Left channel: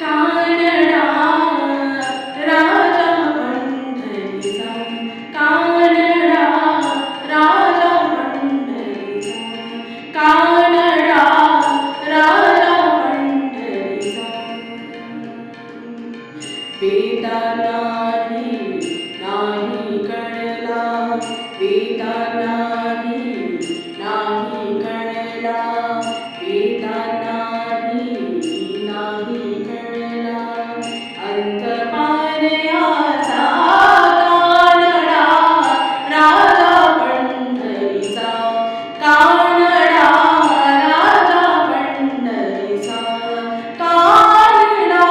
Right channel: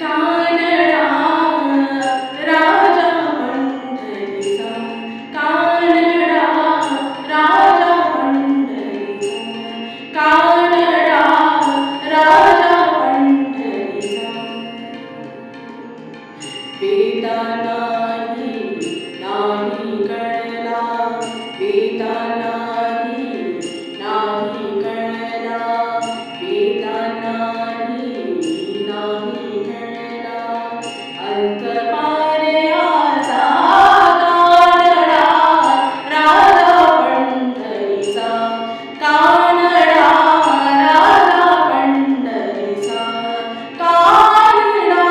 कानडा राजा पंढरीचा, कानडा राजा पंढरीचा, कानडा राजा पंढरीचा. वेदा नाही नाही कळला, वेदा नाही नाही कळला, वेदा नाही नाही कळला. अंतपारयाचा कानडा राजा पंढरीचा, कानडा राजा पंढरीचा, कानडा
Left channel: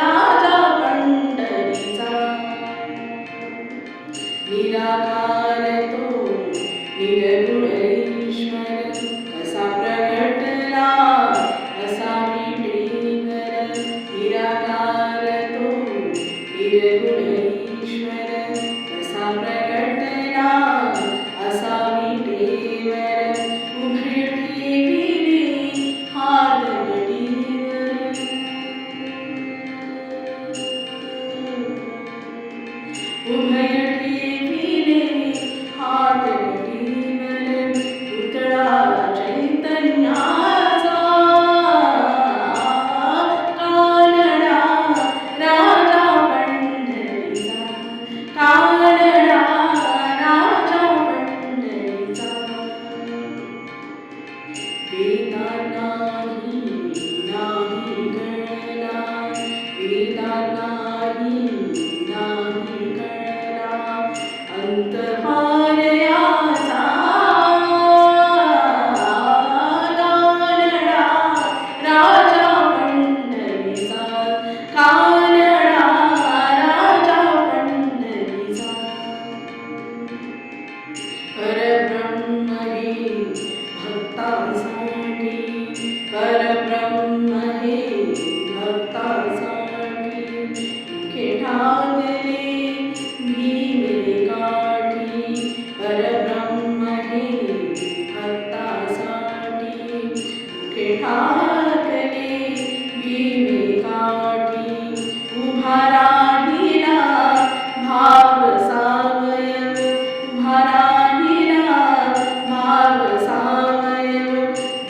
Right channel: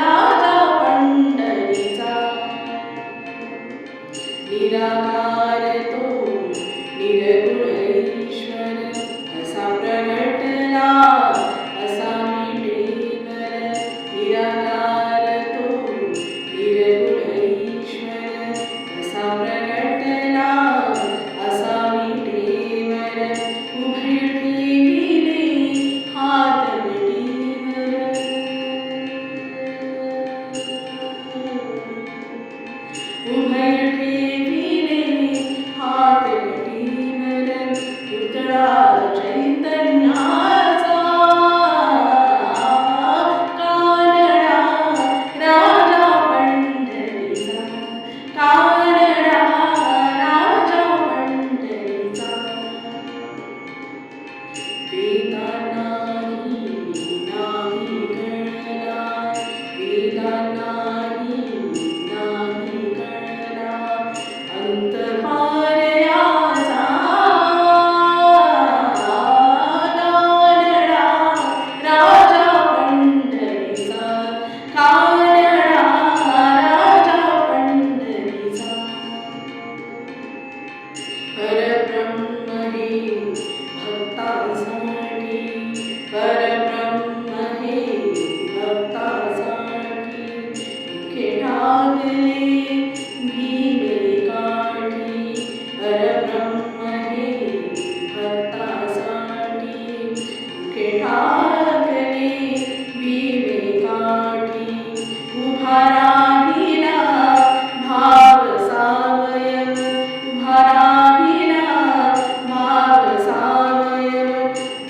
राजा पंढरीचा. निराकार तो निर्गुण ईश्वर, कसा प्रगटला असा मिटेवर. निराकार तो निर्गुण ईश्वर, कसा प्रगटला असा मिटेवर. उभय ठेविले हात गटीवर, उभय ठेविले हात गटीवर. पुतळा चैतन्याचा, कानडा राजा पंढरीचा, कानडा राजा पंढरीचा. वेदा नाही नाही कळला, वेदा नाही नाही कळला. अंतपारयाचा कानडा राजा पंढरीचा, कानडा राजा पंढरीचा. परब्रह्म हे भक्तासाठी, परब्रह्म हे भक्तासाठी. मुखे ठाकले भीमे काठी, परब्रह्म हे भक्तासाठी. मुखे ठाकले भीमे काठी. उभा राहिला भाव सावयव, उभा राहिला भाव सावयव.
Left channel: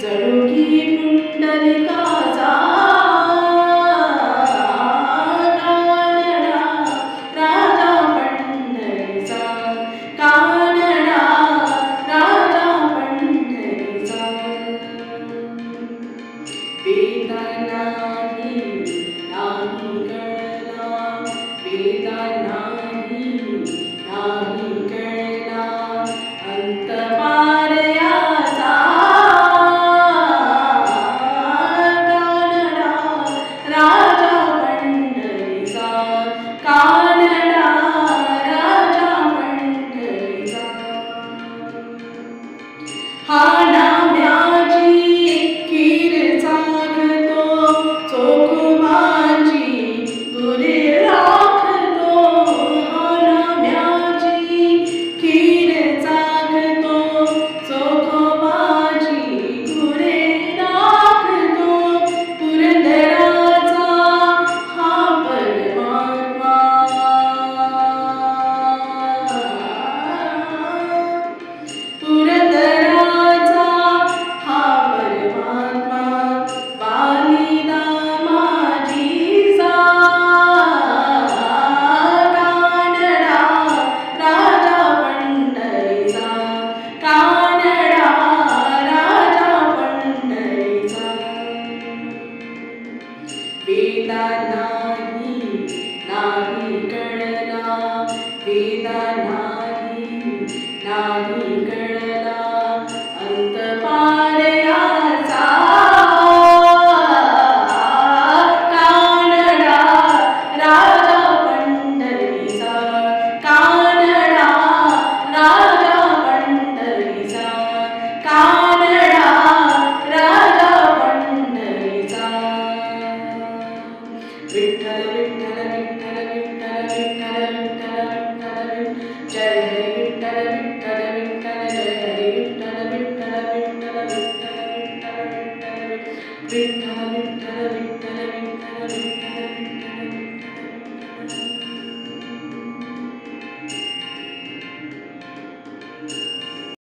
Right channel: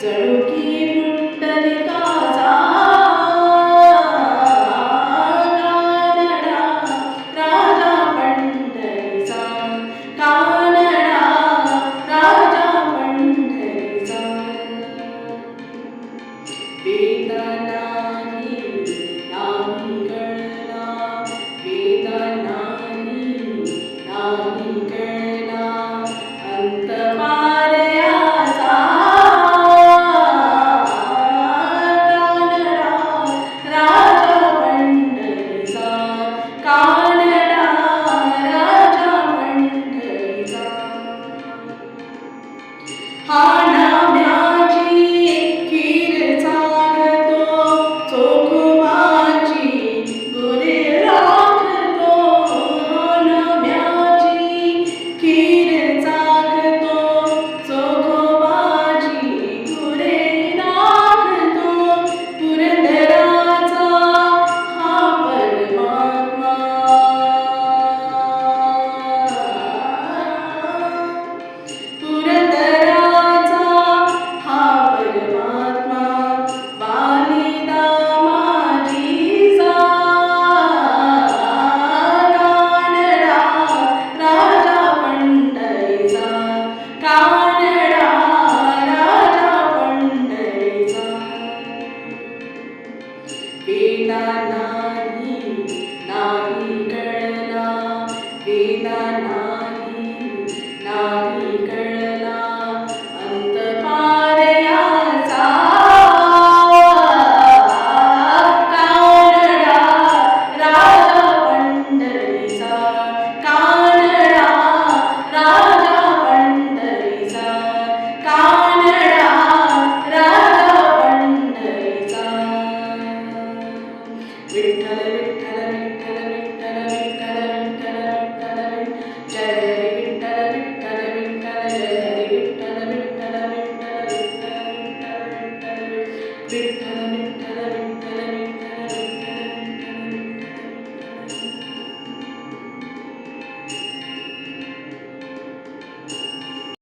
जणू की पुंडलिकाचा कानडा राजा पंढरीचा, कानडा राजा पंढरीचा. वेदा नाही नाही कळला, वेदा नाही नाही कळला. अंतपारयाचा कानडा राजा पंढरीचा, कानडा राजा पंढरीचा. हा नाम्याची खीर चाखतो, चोखोबाची गुरे राखतो. हा नाम्याची खीर चाखतो, चोखोबाची गुरे राखतो. पुरंदराचा हा परमात्मा, पुरंदराचा विठ्ठल विठ्ठल विठ्ठल विठ्ठल विठ्ठल विठ्ठल विठ्ठल जय हरी विठ्ठल विठ्ठल विठ्ठल जय हरी विठ्ठल विठ्ठल विठ्ठल विठ्ठल विठ्ठल विठ्ठल विठ्ठल